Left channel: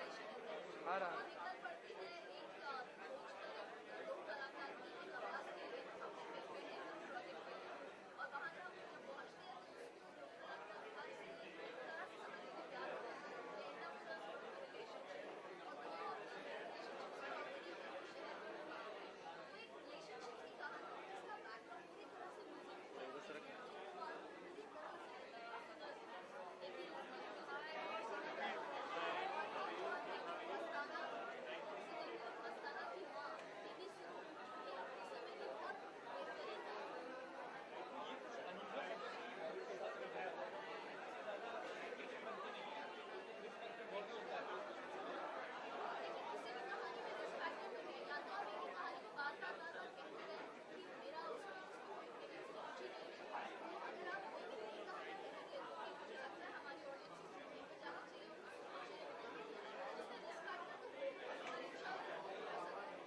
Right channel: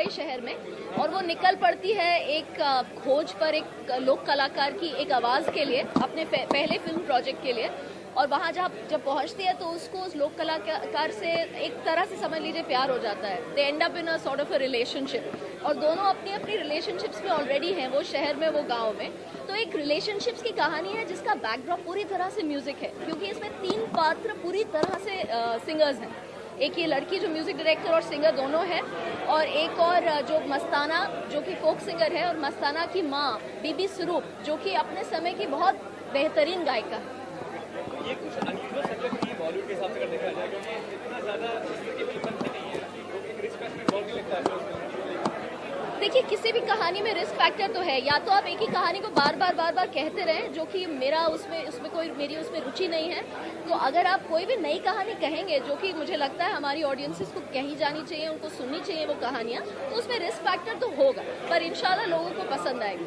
मुंबई शहर में, और वो निकल पड़ती है एक खोज पर, एक लोक कलाकार की एक आवाज़ के लिए, अपने पहले फिल्म प्रोजेक्ट के लिए। और वहाँ जब पहुँचती है तो उसको उस लोक कलाकार से एक तरह से समझ लीजिए प्यार हो जाता है। They end up in a sort of a relationship, और दोनों अपनी अपनी रिलेशनशिप्स में ऑलरेडी हैं, वो शहर में, वो गाँव में। तो एक रिलेशनशिप्स की कहानी है जिसका बैकड्रॉप पूरी तरह से म्यूज़िक है, क्योंकि इसमें 3 पात्र पूरी तरह से सिंगर्स हैं। एक ये लड़की जो म्यूज़िक डायरेक्टर और सिंगर दोनों है, और एक और जो मस्ताना जो कि फोक सिंगर है, और मस्ताना की माँ बीबी स्वरूप जो कि अपने समय की बहुत बेहतरीन गायिका है। ये कुछ अनयूजुअल सब्जेक्ट नहीं है बॉलीवुड के हिसाब से अगर देखा जाए, क्योंकि इतना ज़्यादा इसकी फिल्म बनती नहीं है, तो एक रिस्क फैक्टर बहुत ही लगता है। देखिए, किसी भी कहानी में रिस्क फैक्टर तो है, या तो आप एक ही कहानी को बार बार कहते रहें, जो कि मेरा उसमें कोई मेरी उसमें रुचि नहीं है। तो अगर आप कोई भी नई कहानी कहेंगे, जो कि मुझे लगता है हमारी ऑडियंसेस को कही जानी चाहिए, उनको सुननी चाहिए वो कहानियाँ, तो उसमें रिस्क फैक्टर तो होगा, पर इंशाल्लाह लोगों को पसंद आएगी।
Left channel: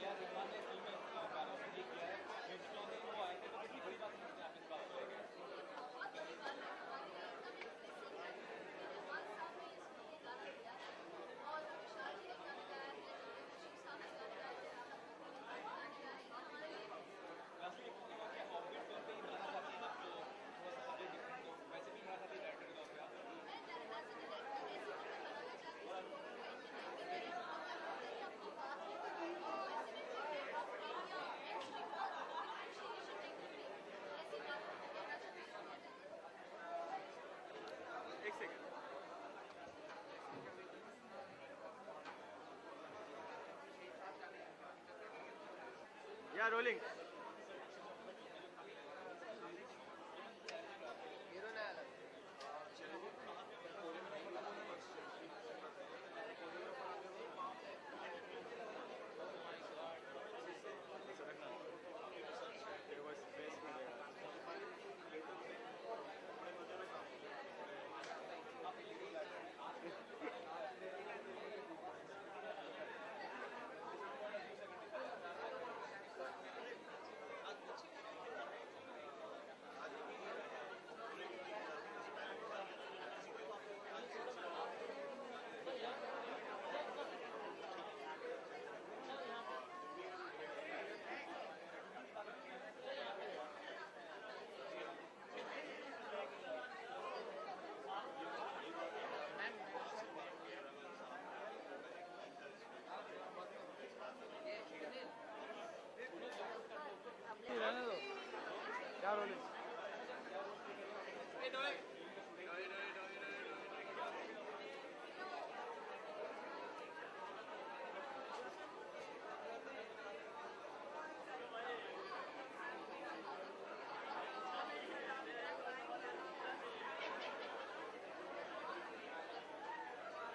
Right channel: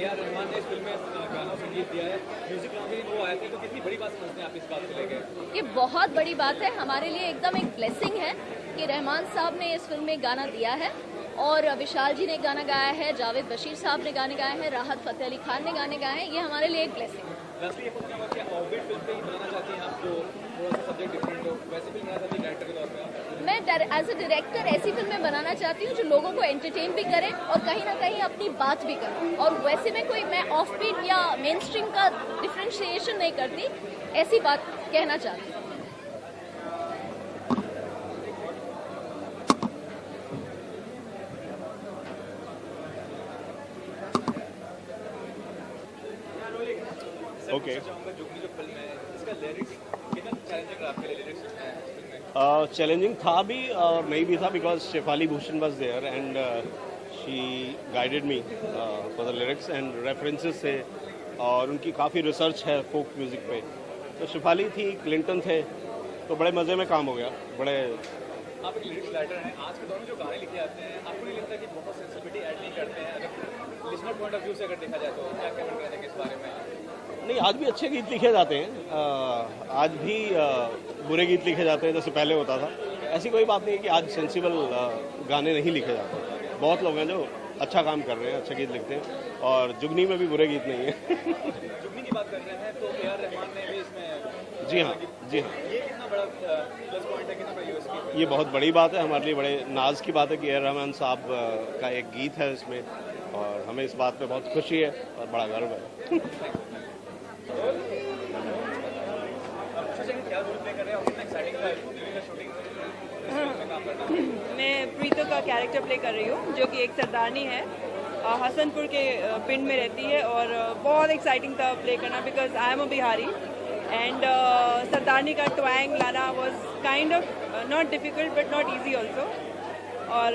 ए.आर. रहमान ने इस फिल्म में गाना संगीत दिया है, म्यूजिक भी वो आए थे, तो कितनी बड़ी बात समझते हैं आप इस बात को लेकर? ये बहुत बड़ी बात है हमारे लिए, एकदम एक ब्लेसिंग है कि रहमान साहब ने इस फिल्म में गाना दिया है, और विशाल जी ने गाना गाया है, जावेद बशीर साहब ने गाने गाए हैं, राहत फ़तेह अली खान ने गाने गाए हैं। ये हमारे लिए एक ब्लेसिंग है। ये पूछना होगा कि ऑर्बिट फिल्म पे ही बनाना चाहती हैं आप, जो थोड़ा सा सब्जेक्ट डिफरेंट हो, वैसे फिल्म बनाना चाहती हैं डायरेक्टर के तौर पे आप? मैं एज अ डायरेक्टर ऐसी फिल्में बनाना चाहती हूँ जो लोगों को एंटरटेन भी करें और कहीं ना कहीं अपनी बात भी करें, और वैसे में मैं ऑफ बीट या मेन स्ट्रीम का डिफ्रेंशिएशन नहीं करती, ऐसी बात कहना चाहती हूँ। ओके, जुगनी जो फिल्म है इसका लिरिक्स कितना चैलेंजिंग रहा आपके लिए? लिरिक्स चैलेंजिंग था भी और नहीं भी था, because Shefali Bhushan was there and she guided me for the lyrics and references थे, और उनकी काफ़ी रिसर्च है फोक म्यूज़िक पे। तो शेफाली थी, क्लिंटन थे, तो बड़े मज़े में काम हो गया। बड़े आप एक लिरिक्स राइटर हैं, आज के दौर में जो गाने लिखे आते हैं, आपको नहीं लगता कि बहुत सेंसिटिविटी ऐड नहीं करते हैं? अगर लिसनर पॉइंट ऑफ व्यू से अगर देखा जाए तो क्या कमेंट करेंगे इस बारे में? नहीं, आज भी अच्छे गीत लिखे जाते हैं, आज भी बुरे गीत लिखे जाते हैं जैसे पहले होता था। ऐसी कोई बात नहीं है कि आज सेंसिबल गाने नहीं लिखे जाते। बहुत लोग हैं जो अच्छा काम कर रहे हैं, अच्छे गीत लिखते हैं, और जुगनी में भी बुरे गीत नहीं है। जुगनी की बात कर रहे हैं तो ए.आर. रहमान ने भी इसमें जी हाँ, जी हाँ, ये कितना बड़ा प्लस पॉइंट है, कितना बड़ा यूएसपी है? ये बहुत बड़ी बात है हमारे लिए, बड़े नाज की बात है कि ए आर रहमान साहब का एक गीत है इसमें, और हमें इस बात पे बहुत खुशी है और बड़ा गर्व है। क्या रोल प्ले कर रहे हैं और कितना एक्साइटिंग था शूटिंग? मैं प्रीतो का कैरेक्टर प्ले कर रही हूँ, जो कि एक सरदारनी है, हसनपुर के पिंड में रहती है, और बहुत एक्साइटिंग था प्ले करना, because I am a Bihari and Sardarni का ट्वैंग लाना was kind of not difficult but not easy also. और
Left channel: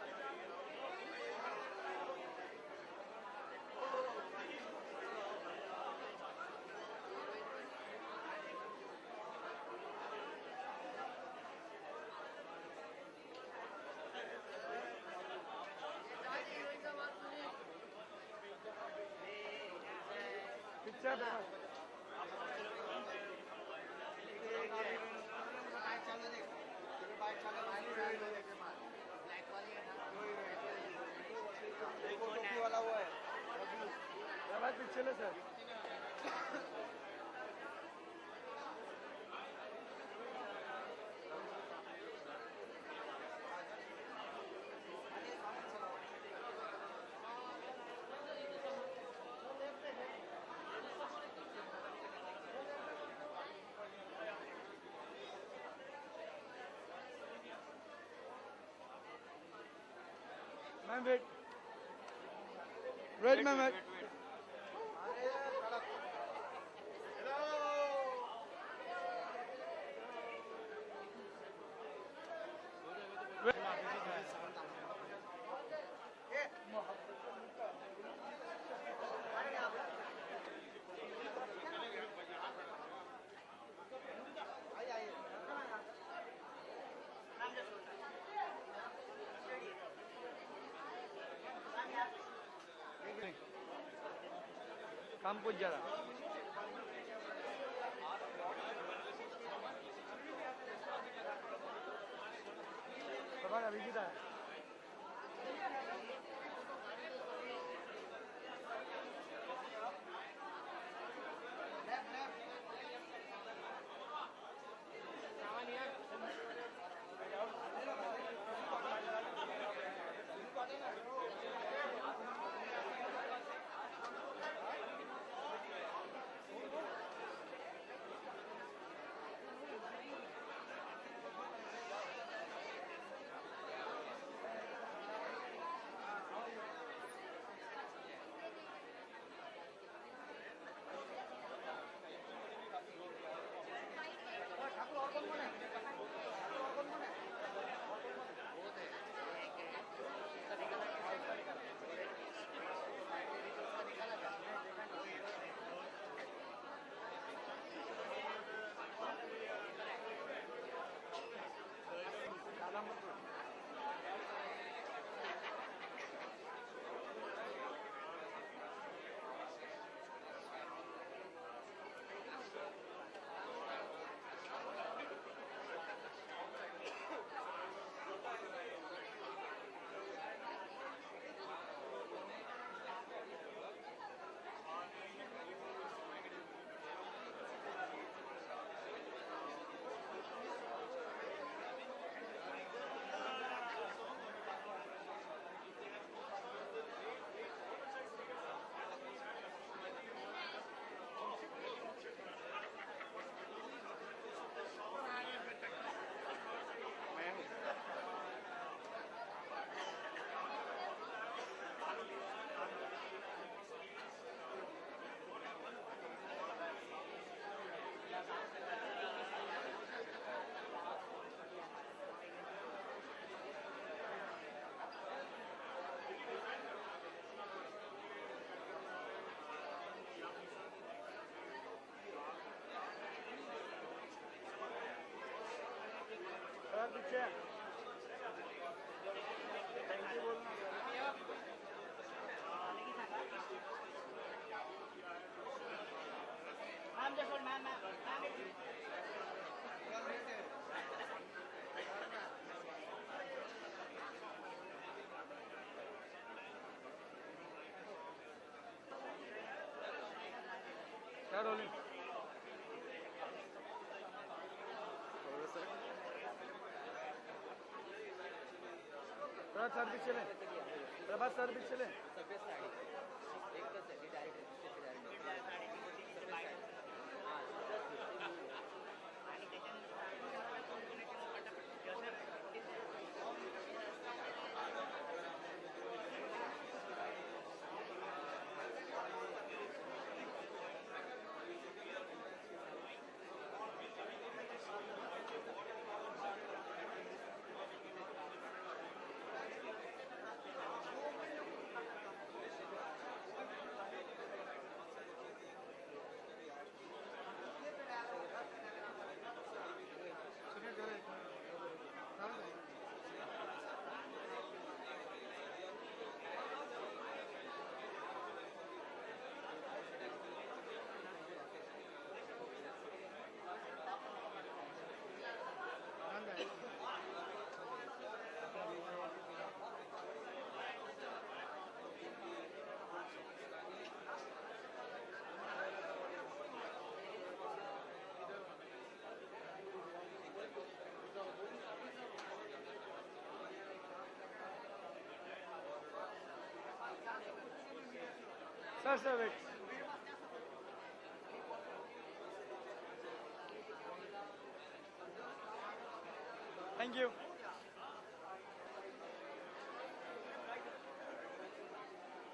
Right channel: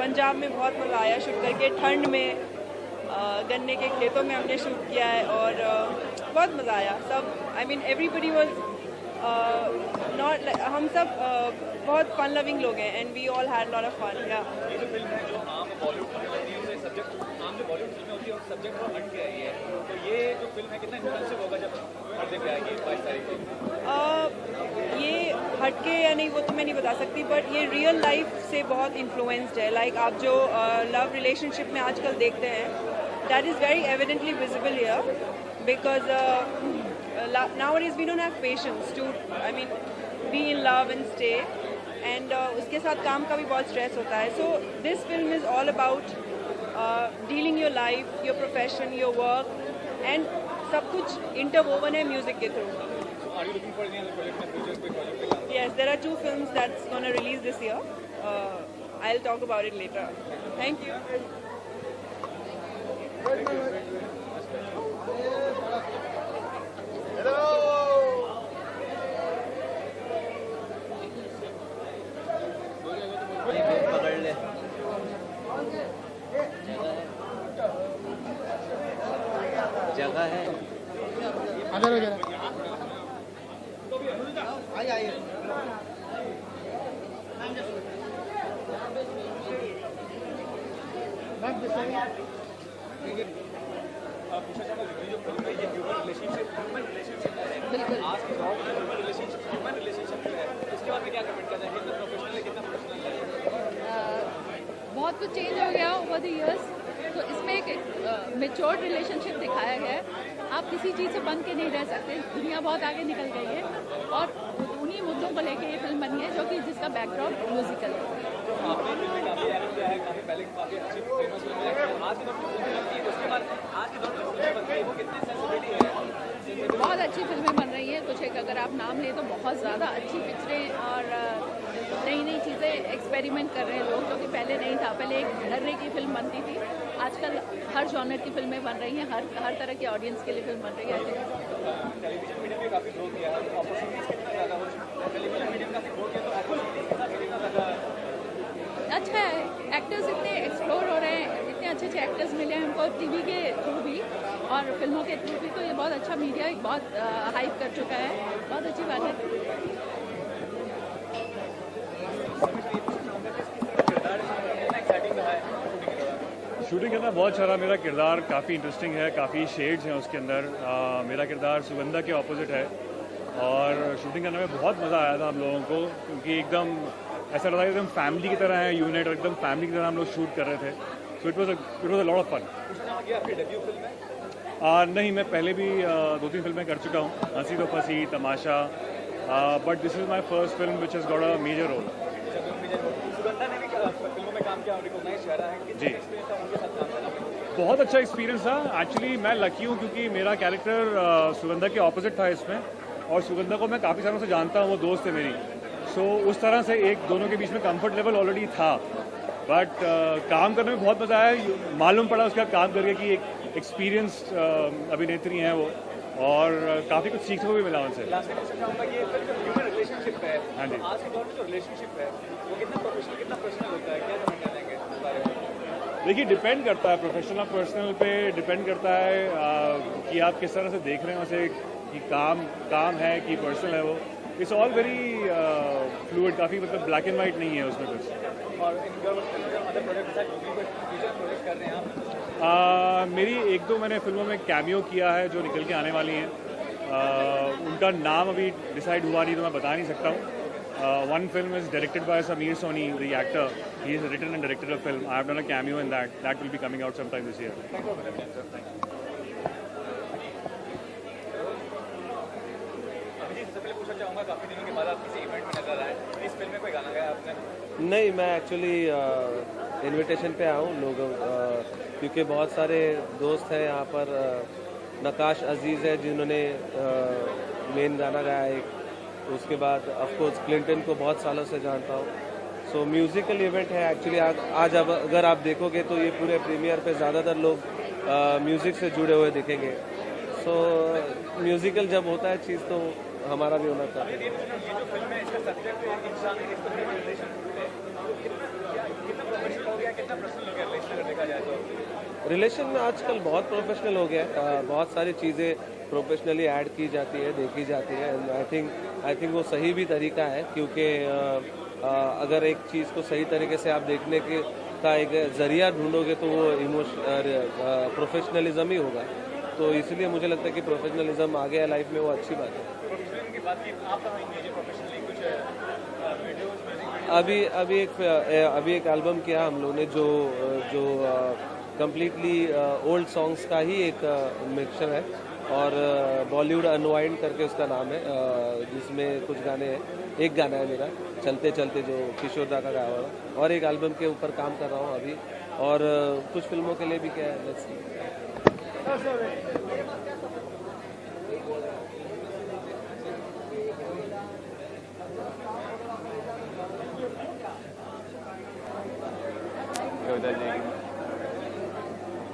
पंजाब में बहुत मज़ा आया शूट करके, ठंड में गन्ने के खेतों में हमने शूट किया है, और बहुत मज़ा आया। सब I mean everybody was not, हम सब बहुत फन लविंग लोग हैं, and we all had lot of fun. या ये जो फिल्म है जो आम बॉलीवुड फिल्में होती है उससे सब्जेक्ट, आम जो बॉलीवुड फिल्में होती है उस सब्जेक्ट को हट के आई है, तो ये जो फिल्म है कितना इंटेंसिव होगा जब पर्दे पे आएगी 22 तारीख को? ये हटके या नहीं वो तो मैं नहीं बता सकती, बट ये रियल लाइफ से बहुत इन्फ्लुएंस्ड है। लाइक आप जो लव रिलेशनशिप में आजकल देखते हैं, that is very evidently visible here, because nowadays we don't have patience to, I mean, be in love and stay, and उसके साथ काम का भी बहुत स्ट्रेस होता है। So this film is all about dealing your life, your profession, your work, and सब कुछ interwoven है म्यूजिक के through. Are you looking for any other project in the future? कोई project पे? Yes, there are 2 films that's going to release this year. I'll talk about it later. Thank you. पकड़ ले जगह है। अंदर हो जरा। आइए बिल्कुल। आज के दौर में ह्यूमन रिलेशनशिप जो है उसके बारे में क्या कमेंट करना है? कितना प्रोफेशनल है, कितना प्रोफेशनल है? बहुत कुछ चेंज हो गया ओवर द इयर्स, तो इसमें एक मेच्योर्ड रिलेशनशिप दिखाया गया है। आप किसी चीज़ से बंध के नहीं रह सकते, दुनिया बहुत आगे निकल गई है और उन्हीं मुद्दों को लेके ये फिल्म बनी है, जो कि जिसका बैकग्राउंड म्यूजिकल है। आपने फिल्म काफ़ी एक्ट किया है, काफ़ी पहले काफ़ी अच्छी फेमस फिल्म है, आज के दौर में फिल्म बनती है, उसके बाद आज के दौर में फिल्म बनती है, वो कितनी सेंसिटिविटी है? बहुत अच्छी फिल्में बन रही हैं, कुछ एक अगर आप नाम लें तो बहुत ज़्यादा अच्छी पिक्चरें और नई नई चीज़ें एक्सपेरिमेंट कर रहे हैं लोग, जो कि पहले नहीं था। पहले एक डरने की फिल्म बनती थी, आजकल हर जॉनर की फिल्में बन रही हैं, हर तरह के ऑडियंस के लिए फिल्म बन रही है। टेलीविजन मीडियम में काफ़ी ग्रो किया है, अपॉर्चुनिटीज कितना ज़्यादा हो चुकी है, टेलीविजन मीडियम काफ़ी ग्रो किया, तो अपॉर्चुनिटीज कितना ज़्यादा अच्छा है, एक्टर्स इतने एक्सप्लोर हो रहे हैं, इतने अच्छे अच्छे एक्टर्स मिले हैं हमको टीवी के थ्रू भी और फिल्मों के थ्रू भी, तो ये बहुत अच्छा मीडिया बहुत हाइप कर चुका है, बहुत अच्छी बात है। शूटिंग करना बहुत अच्छा रहा। मेरा किरदार काफ़ी इंटरेस्टिंग है, काफ़ी शेड्स हैं उसके अंदर। मेरा किरदार सुगंधा के ऑपोजिट है और शूटिंग करने में बहुत मज़ा आया था हम लोगों को, क्योंकि एकदम ऐसा लगा एकदम फैमिली की तरह है यूनिट, और एकदम फैमिली की तरह हम लोग शूट कर रहे थे। So it was a lot of fun. नहीं, मैं पहले भी 2-3 फिल्में कर चुका हूँ, Hasee Toh Phasee, Tamasha, but this is my first film which has got a major role. जी, बहुत अच्छा एक्सपीरियंस था। एक्चुअली मैं लकी हूँ क्योंकि मेरा कैरेक्टर सुगंधा के ऑपोजिट था इसमें, और सुगंधा को मैं काफ़ी सालों से जानता हूँ, वो दोस्त है मेरी। सो उस तरह से एक दोनों के बीच में कंफर्ट लेवल ऑलरेडी था, बट काम करने में बहुत मज़ा आया। मालूम पड़ा उसका काम करके कि एक एक्सपीरियंस्ड अभिनेत्री हैं वो, और काफ़ी कुछ सीखने को भी मिला उनसे। रिलेशनशिप है, हाँ जी। आज के दौर में जो रिलेशनशिप है वो कितना प्रोफेशनल कितना पर्सनल होता है, क्या कमेंट करेंगे इस बारे में? देखिए, डिपेंड करता है, प्रोफेशनल और पर्सनल पे डिपेंड करता है कि आप किस तरह से देख रहे हैं उसे, कि काम है कि पर्सनल है। वो इट्स ऑल वेरी फ्लूइड, काफ़ी मतलब ब्लैक एंड वाइट नहीं है उसमें कुछ। और अदर प्रोजेक्ट कर रहे हैं आप? मेरी 1-2 मैंने फिल्मों में कैमियो किया है जो निकल के आने वाली हैं। उनका नाम अभी डिसाइड हुआ नहीं तो मैं बता नहीं सकता हूँ। One film is directed by Sameer Soni, the actor. He has written and directed a film. I have done a cameo in that. That will be coming out sometime this year. काफी दिनों के बाद आप किसी event में नजर आए, इस फिल्म में कोई गाना गाया आपने? नहीं, मैं एक्चुअली इनविटेशन पे आया हूँ लोगों, क्योंकि बहुत सारे दोस्त हैं यहाँ पर। नकाश अजीज़ है जिन्होंने मेन गाना गाया एक, उसके बाद ऑफकोर्स क्लिंटन को बहुत सालों से जानता हूँ। सो म्यूज़िकल इवेंट है एक्चुअली आज अगर आप देखोगे तो ये पूरे प्रीमियर पे ज़्यादातर लोग म्यूज़िक से जुड़े हुए दिखेंगे। सो म्यूज़िकल जब होता है चीज़ तो हमारा भी होना चाहिए। रिलेशन में आजकल बहुत प्रोफेशनल हो गया है, बहुत सारी चीज़ें प्रोफेशनली ऐड की जाती है, देखी जाती है। एंड आई थिंक वो सही भी तरीका है, क्योंकि अगर एक चीज़ को सही तरीके से आप देखने का एक ज़रिया ढूंढोगे तो वो प्रोफेशनलिज्म ही होगा। तो इसलिए मुझे लगता है कि प्रोफेशनलिज्म आ गया लाइफ में, वो अच्छी बात है। अभी एक एल्बम किया हम लोगों ने जो कम्प्लीटली ओल्ड सॉन्ग्स का ही एक मिक्सचर है, और बॉलीवुड अनवाइंड करके उसका नाम है, जिसमें कुछ गाने हैं। एक गाना है मेरा चलते चलते जो किशोर दा का गाया हुआ, और एक एल्बम के ऊपर काम कर रहा हूँ अभी, और कुछ फिल्मों के लिए भी क्या है, लेट्स सी।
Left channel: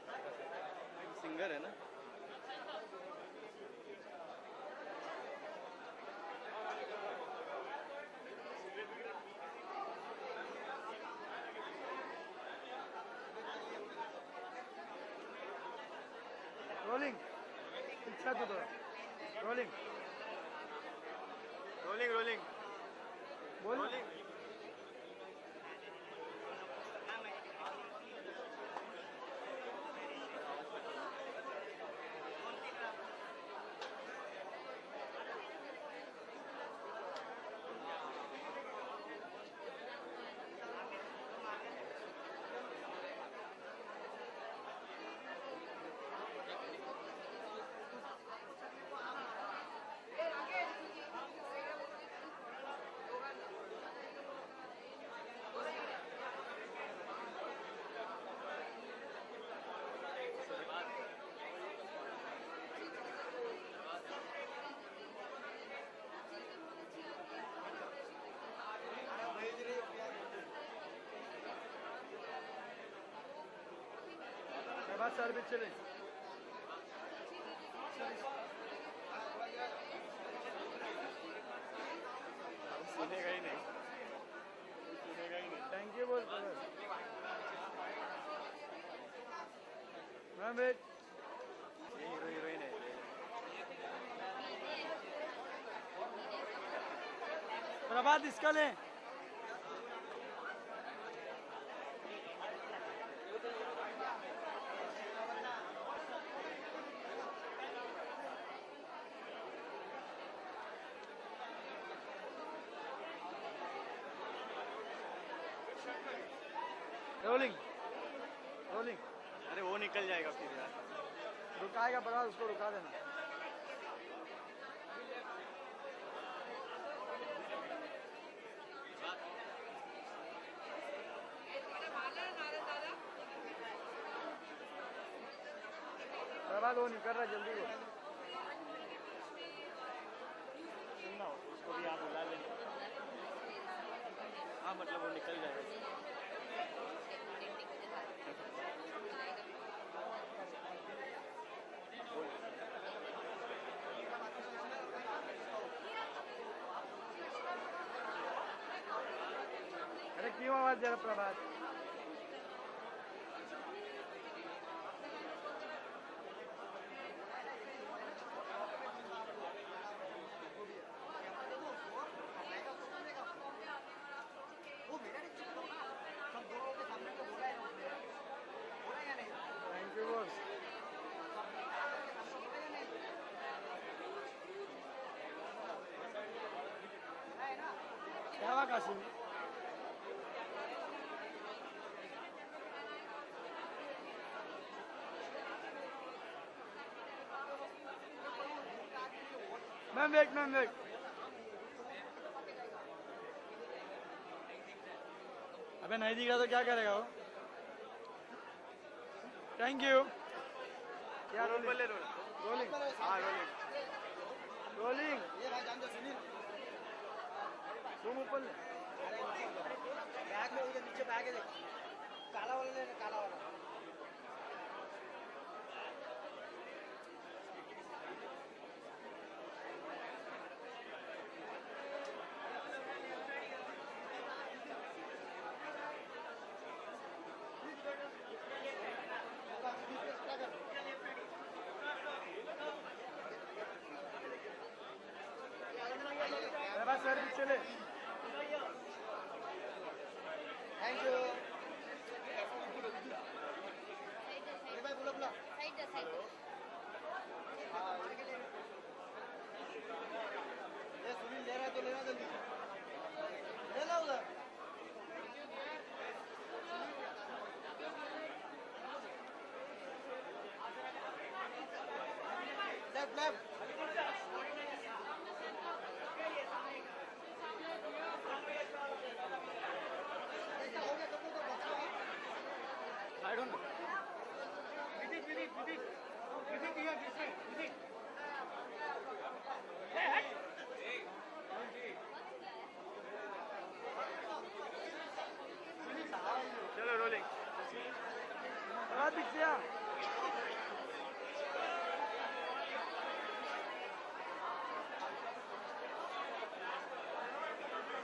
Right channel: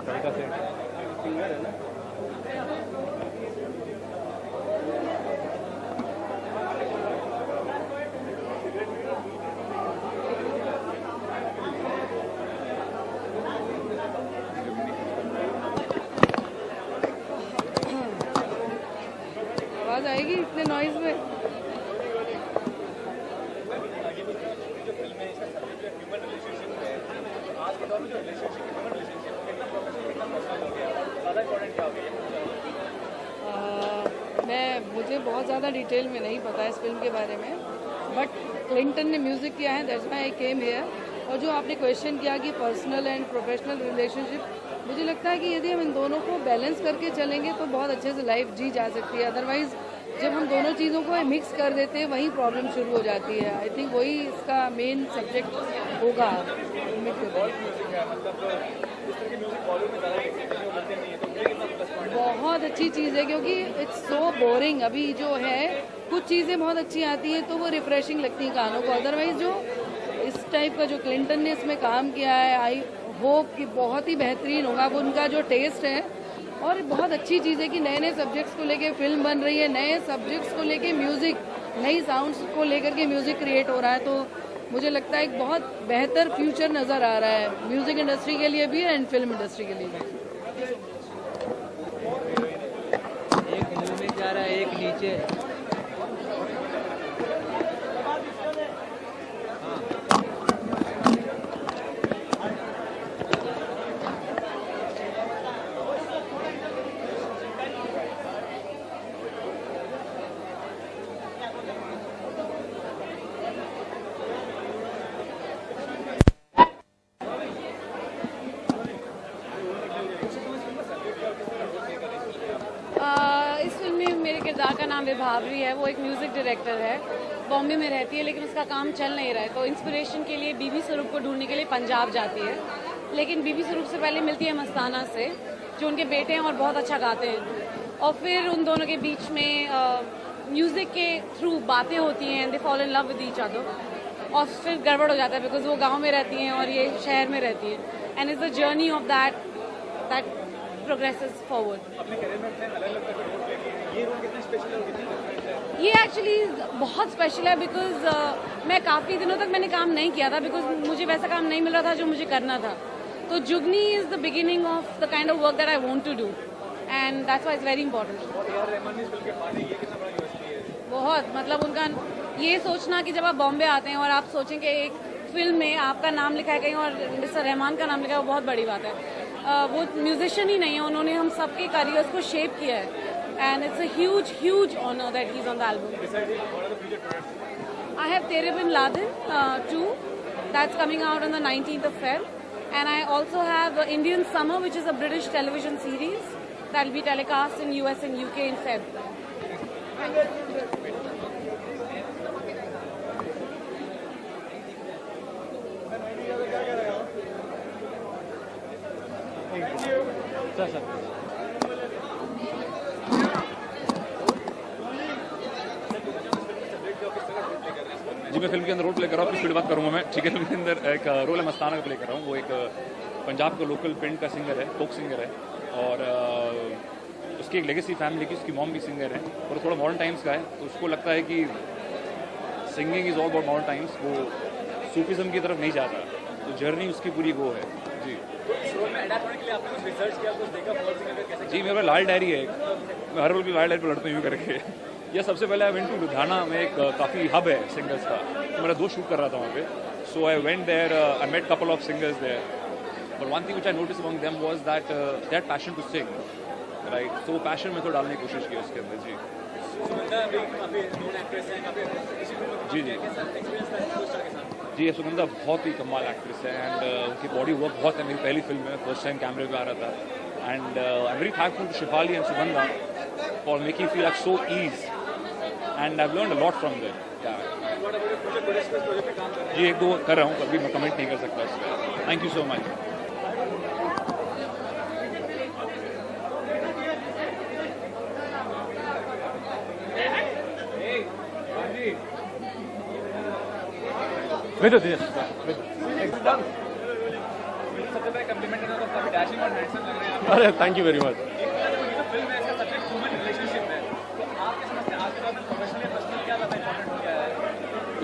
कविता से सिंगर है ना? आवाज़ आएगी इतने नॉइज़ में? मुझे बहुत ज़्यादा डिटेल में नहीं पता इस फिल्म के बारे में, बट क्लिंटन ने म्यूज़िक किया है, that's why I came here. और जो आपने क्वेश्चन किया कि पर्सनल एंड प्रोफेशनल रिलेशनशिप, मुझे लगता है कि यदि हम इन दोनों को बैलेंस करके चलेंगे तो बहुत अच्छे से लाइफ जी जा सकती है। अदरवाइज जब हम दोनों चीज़ों को मिक्स कर देते हैं वहीं प्रॉब्लम शुरू हो जाती है। आई थिंक वही इसका मेन सब्जेक्ट होगा। बहुत अच्छी चीज़ है क्योंकि इट्स सो बोरिंग। अभी जो है कुछ चीज़ें बहुत अच्छी आती हैं तो वो रिफ्रेशिंग लगती हैं कानों को। अदरवाइज जो इस टाइप का जो क्लिंटन ने इसमें काम किया है, आई होप कि बहुत ही बेहतरीन होगा। अब उनका जो टेस्ट है, और बहुत अच्छी चीज़ है कि नए नए सब्जेक्ट्स को लेके फिल्म बन रही है, नए सब्जेक्ट्स को लेके म्यूज़िक, नई साउंड्स को लेकर के म्यूज़िक क्रिएट हो रहा है। तो मुझे लगता है एक बहुत बेहतर फ्यूचर नज़र आ रहा है म्यूज़िक इंडस्ट्री के लिए भी एंड फिल्म इंडस्ट्री के लिए भी। एक मुंह में जा रहा है, एक नीचे। इस फिल्म में मेरे किरदार का नाम विभावरी है। वो एक म्यूज़िक डायरेक्टर है, बॉम्बे में रहती है, लेकिन उसका काम चल नहीं रहा है। तो इंस्पिरेशन के लिए बीबी स्वरूप को ढूंढने के लिए पंजाब जाती है, लेकिन बीबी स्वरूप से पहले मिलती है मस्ताना से, जो उनके बेटे हैं और बहुत अच्छा गाते हैं। और फिर उन दोनों के बीच में म्यूज़िक के थ्रू बातें होती हैं, they fall in love with each other, और फिर गड़बड़ हो जाता है बिकॉज वो गाँव में रहती हैं और ये शहर में रहती है। And is the journey of that progresses forward. ये एक्चुअली बहुत स्पेशल है बिकॉज मैं काफ़ी दिनों तक मैंने काम नहीं किया था बिकॉज मुझे वैसा काम नहीं मिल रहा था जो मुझे करना था। तो Jugni is the beginning of the kind of work that I want to do and that's why it's very important. बहुत मतलब उनका ये सोचना कि जब आप बॉम्बे आते हैं और आप सोचें कि एक फिल्म में आपका नाम लिखा है कहीं और मिस्टर रहमान का नाम लिखा है, वो बहुत बड़ी बात है। वो म्यूजिशियन ही नहीं है, उन्होंने हम सबके करियर्स को शेप किया है and it's a huge huge honour that he is on the album. I have Tere Bin Laden 2 that's coming out on the 19th of Feb and I also have Indian Summer which is a British television series that will be telecast in US and UK in Feb. Thank you. Sir ji, मैं film के अंदर role play कर रहा हूँ, अपनी speed बात करूँगा मैं, ठीक है। फिल्म के अंदर एक रोल है मस्ताना का प्ले कर रहा हूँ। वो एक पंजाब का लोकल पिंड का सिंगर है, फोक सिंगर है, और उसकी एक लेगेसी फैमिली की, उसकी मॉम भी सिंगर है और थोड़ा मॉडर्न टाइम्स का है। तो उसको लगता है कि singing is all about modern times, वो सूफिज़म की तरफ नहीं जाता। तो जर्नी उसकी पूरी वो है जी। जी, मेरा लाल डायरी है, मैं हर रोल की लाल डायरी पर लड़ता हूँ यूँ करके। यह सबसे पहले आई वेंट टू लुधियाना में, एक काफ़ी हब है सिंगर्स का, तो मेरा दोस्त शूट कर रहा था वहाँ पे। So I went there, I met couple of singers there, but one thing which I notice among them was that that passion to sing, right. तो वो पैशन में तो डालने की कोशिश की उसके अंदर जी। जी जी जी, सुगंधा बहुत ही कमाल एक्ट्रेस है एंड उनकी बॉडी वर्क बहुत है। मेरी पहली फिल्म है, फर्स्ट टाइम कैमरे पे आ रहा था and I am very thankful to Shefali and Sugandha for making feel like so ease and I have learned a lot from them. जी, 1-2 कर रहा हूँ, कभी मैं कमेंट नहीं कर सकता इस पर। Thank you so much. अरे थैंक यू वेरी मच।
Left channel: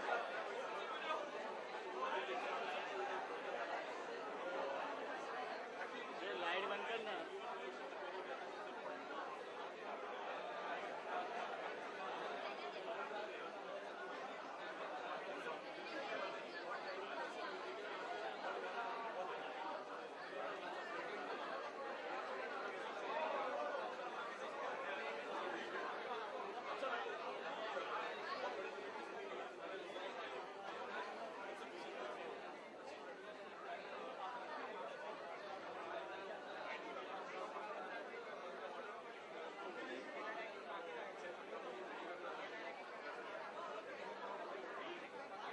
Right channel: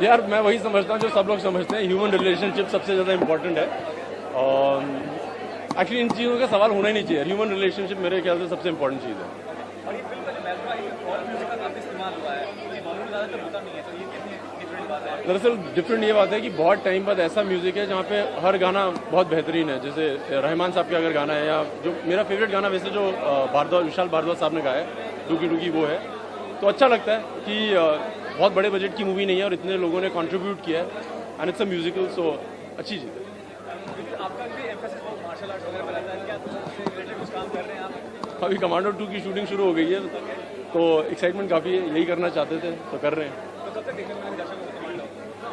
यार मैं वही समझता हूँ जो सब लोग समझते हैं, ह्यूमन रिलेशनशिप सबसे ज़्यादा इम्पोर्टेंट है। और एक्चुअली इन चीज़ों का सवाल होना ही नहीं चाहिए। ह्यूमन रिलेशनशिप मेरे ख्याल से सबसे इम्पोर्टेंट चीज़ है। दरअसल डिफरेंट ये बात है कि बहुत टाइम बाद ऐसा म्यूज़िक है जहाँ पे हर गाना बहुत बेहतरीन है। जैसे रहमान साहब का अगर गाना है, या जो मेरा फेवरेट गाना वैसे जो विशाल भारद्वाज साहब ने गाया है, रुकी रुकी, वो है। तो अच्छा लगता है कि बहुत बड़े बजट की मूवी नहीं है और इतने लोगों ने कंट्रीब्यूट किया है एंड इट्स अ म्यूजिकल, सो अच्छी चीज़ है। आपका भी एम्फेसिस मार्शल आर्ट्स वगैरह में रहता है, क्या उससे रिलेटेड कुछ काम कर रहे हैं आप? अभी कमांडो 2 की शूटिंग शुरू हो गई है, तो एक्साइटमेंट काफ़ी है, यही करना चाहते थे तो कर रहे हैं। तो कब तक देखने में दर्शकों को कमांडो?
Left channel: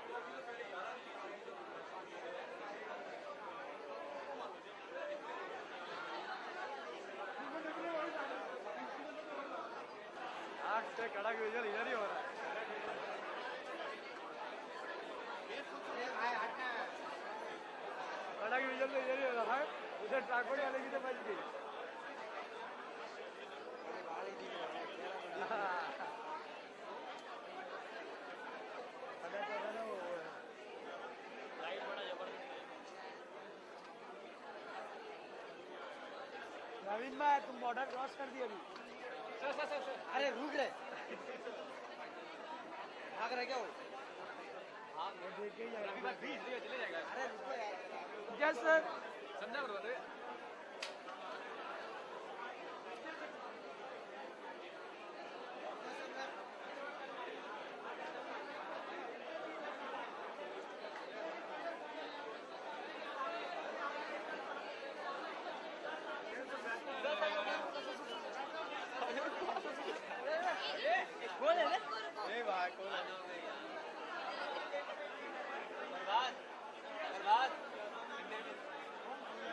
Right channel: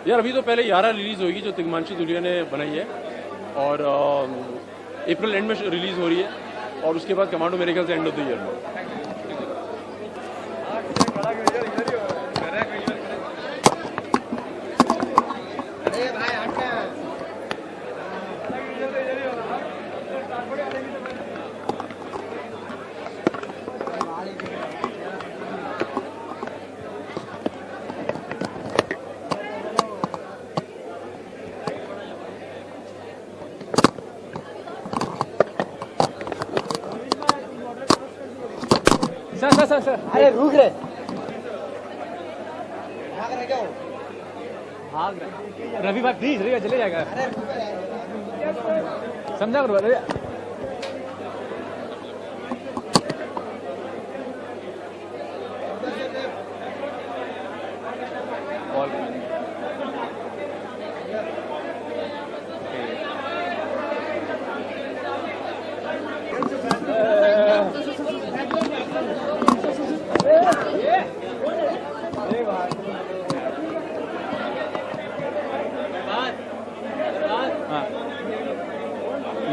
यार अभी तो पहले 11 रिलीज़ होगी जो तिग्मांशु धुलिया ने बनाई है, और अप्रैल एंड में रिलीज़ हो रही है, और उसके बाद कमांडो मेरे ख्याल से एंड ऑफ द ईयर में। सर अरे रुक रहे भाग रहे क्या हो? भाग रहे रवि भाग प्लीज रवि चले जाएगा समझा करो रवि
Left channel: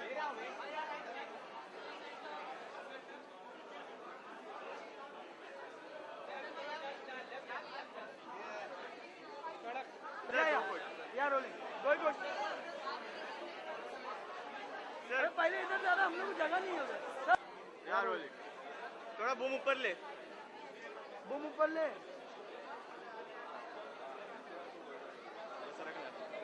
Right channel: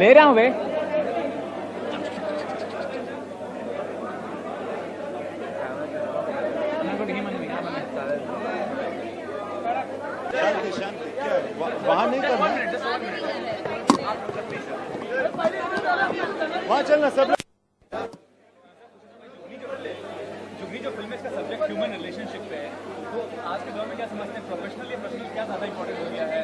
ले रहा हूँ भाई वहाँ नहीं करना, वहाँ चलना सब। जो फिल्म है इसका सब्जेक्ट ह्यूमन रिलेशनशिप पे है, तो आज के दौर में क्या समझते हैं, प्रोफेशनल या पर्सनल क्या ज़्यादा इंपॉर्टेंट हो गया है?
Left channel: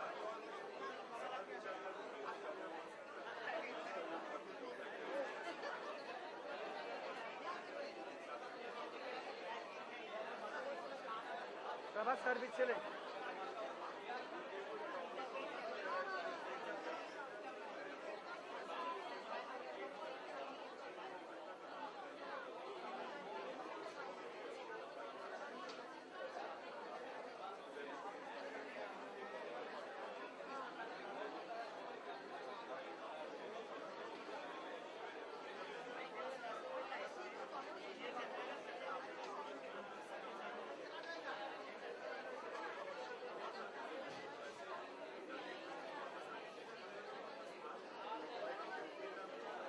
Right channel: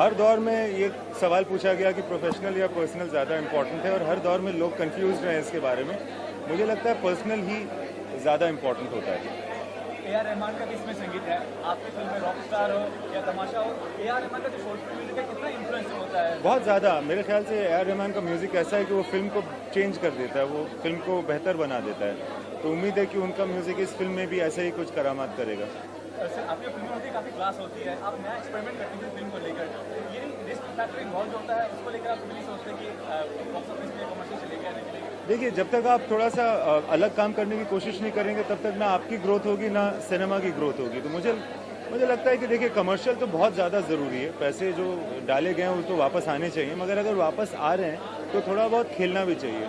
हर दौर में ये सवाल पूछा गया कि प्रोफेशनल या पर्सनल ज़्यादा इंपॉर्टेंट है, और हर दौर में लोग कंफ्यूज हैं इसके बारे में। मुझे लगता है पर्सनल ही ज़्यादा इंपॉर्टेंट होता है। ए.आर. रहमान का भी इसमें संगीत है, आपकी फिल्म में रॉक स्टार हो या तमाशा हो, ए.आर. रहमान का जो सोशल म्यूजिक है कितना इन्फ्लुएंस होता है? बहुत ज़्यादा। मेरे ख्याल से ए.आर. रहमान का म्यूज़िक ऐसा है कि वो फिल्म को चेंज कर देता है, वो फिल्म को बेहतर बना देता है। तो उम्मीद है कि उनका म्यूज़िक इस फिल्म में भी ऐसे ही कुछ करामात करेगा। सर आपकी फिल्म होती है काफ़ी क्लास होती है, आप नया एक्सपेरिमेंट करते हैं फिल्म को लेकर, ये रिस्क फैक्टर इन्वॉल्व होता है, उसको लेकर आप नहीं सोचते कि बॉक्स ऑफिस में कमर्शियल चलेगा नहीं चलेगा? देखिए, जब तक आप थोड़ा सा अलग काम करने की कोशिश नहीं करेंगे तब तक ना आपकी ग्रोथ होगी ना सिनेमा की ग्रोथ होगी। तो मुझे लगता है कि देखिए, कमर्शियल तो बहुत ज़्यादा ज़रूरी है, पैसे जो डाले गए हैं वो तो वापस आने चाहिए, मगर अगर वापस आ रहे हैं तो थोड़ा बहुत खेलना भी चाहिए।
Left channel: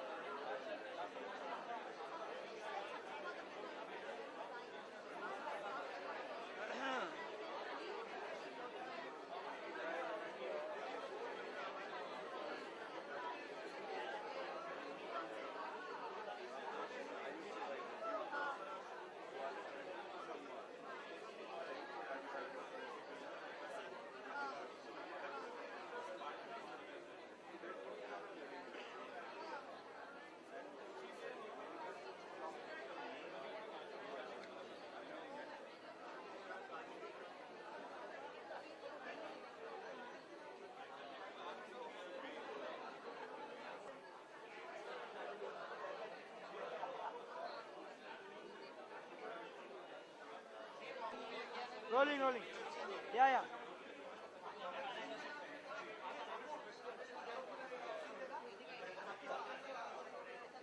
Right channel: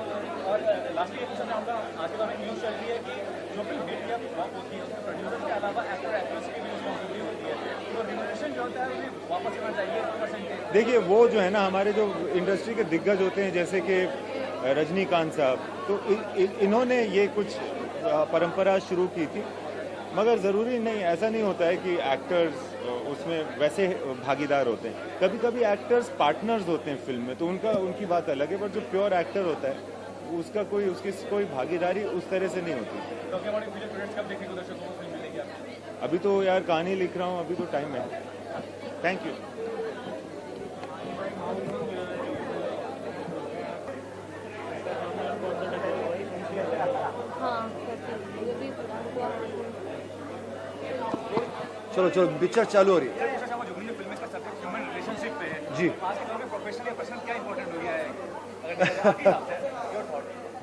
और लास्टली ये पूछना चाहूँगा, आज के दौर में न्यूज़ चल रही है कि जो फिल्म हिट या फ्लॉप होती है उसमें प्रोड्यूसर के अलावा एक्टर एक्ट्रेस की भी रिस्पॉन्सिबिलिटी होती है, तो रिम्यूनरेशन जो होता है उन्हें वापस आना चाहिए परसेंटेज? देखिए, वो जो है ना, हमारे जो इंडस्ट्री के दिग्गज होते हैं जैसे कि रजनीकांत साहब, तो इन्होंने ये कुछ परंपरा शुरू की थी, मगर ज़रूरी नहीं, ऐसा नहीं होता है कि एक्टर्स उसमें वैसे भागीदार होते हैं। कभी कभी एक्टर्स पार्टनर्स होते हैं फिल्म में, तो उनकी बात अलग है, पर जो प्योर एक्टर होता है उसकी कोई भागीदारी उस तरह से नहीं होती। अभी तो यार कहानी लिख रहा हूँ, अभी तो टाइम है। Thank you. चलो चलो पिक्चर चालू हो रही है जी।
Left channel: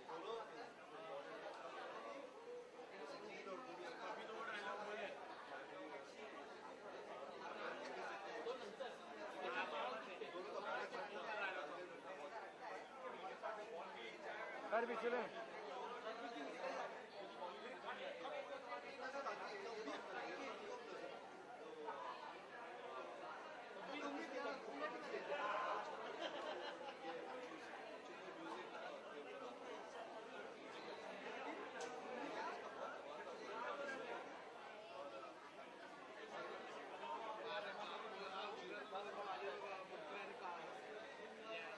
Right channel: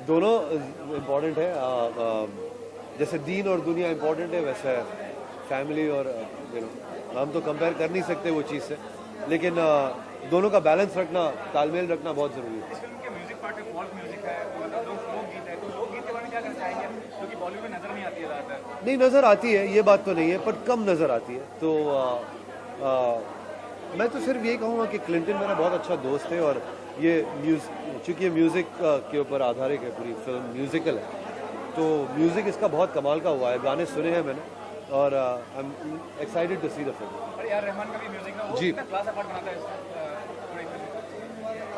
दोनों इम्पोर्टेंट है, जैसे दीन और दुनिया इम्पोर्टेंट है वैसे फैमिली और हम तो कंपेयर कर नहीं सकते वो चीज़ से, लेकिन दोनों का बैलेंस रखना, तालमेल रखना बहुत ज़रूरी है। नहीं नज़र आती है, ये बात तो नहीं है, पर कम नज़र आती है। तो मैं तो सिर्फ यही कहूँगा कि क्लिंटन मेरा बहुत अच्छा दोस्त है, और ये चूँकि ये म्यूज़िक के ऊपर आधारित है, पूरी फिल्म म्यूज़िकल है, तो म्यूज़िक इसका बहुत कमाल का हुआ है, गाने सुने हैं मैंने, और I am excited to see the film. जी,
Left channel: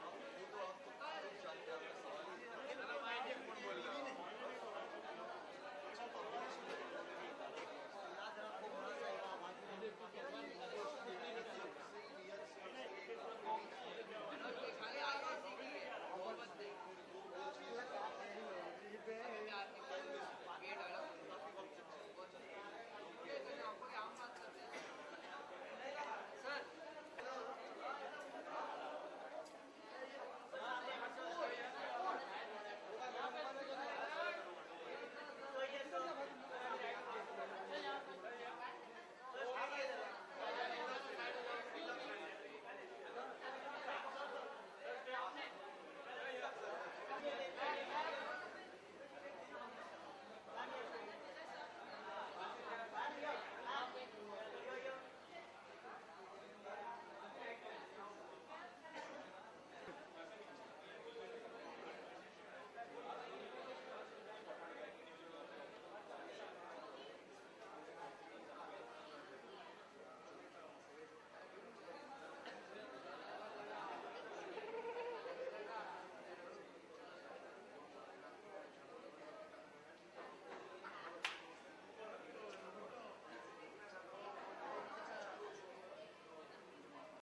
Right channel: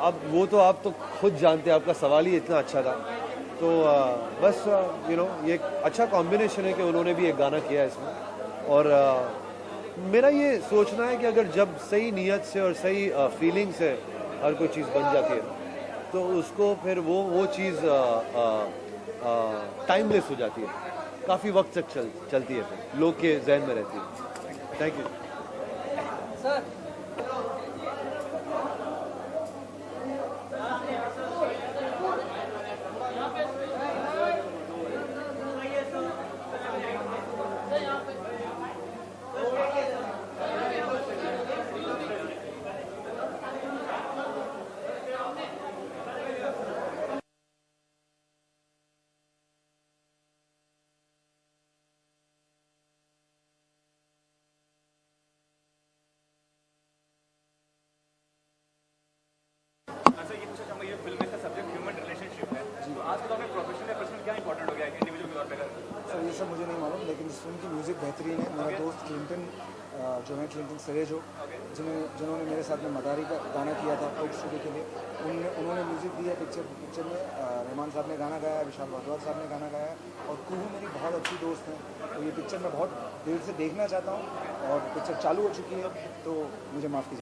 अब वो तो आप तो खुद जानते हैं, आपका सवाल ही इतना अच्छा था, तो बस ये एक अच्छा कॉम्बिनेशन है कि उन्होंने भी एक गाना किया है इसमें, और मेरा ये सोचना है कि अगर जब सही नीयत से और सही फीलिंग से हर कोई चीज़ बन जाती है तो उसको फिर वो चीज़ टाइमलेस हो जाती है, काफ़ी वक्त तक चलती है, फिर लोग के जहन में रहती है। Thank you sir. अच्छा, ये पूछना चाहूँगा, ये फिल्म में का सब्जेक्ट ह्यूमन रिलेशनशिप है, तो आज के दौर में प्रोफेशनल या पर्सनल क्या इंपॉर्टेंट हो गया है इंडिविजुअल के तौर पे? सर ये सब मुझे नहीं मालूम, लेकिन इस फिल्म की म्यूज़िक बेहतरीन है। मेरा दोस्त क्लिंटन जो है, क्लिंटन सरेजो, जिन्होंने मेरे साथ में मदारी का गाना किया था आउट स्टूडियो के लिए, उन्होंने म्यूज़िक दिया पिक्चर में। रहमान साहब ने गाना गाया है, विशाल भारद्वाज साहब ने गाना गाया है, और कुहू मेरी बहुत अच्छी दोस्त हैं। तो ये पिक्चर मैं बहुत देर से देखना चाहता हूँ, और पिक्चर चालू हो चुकी है, तो मुझे माफ़ कीजिए।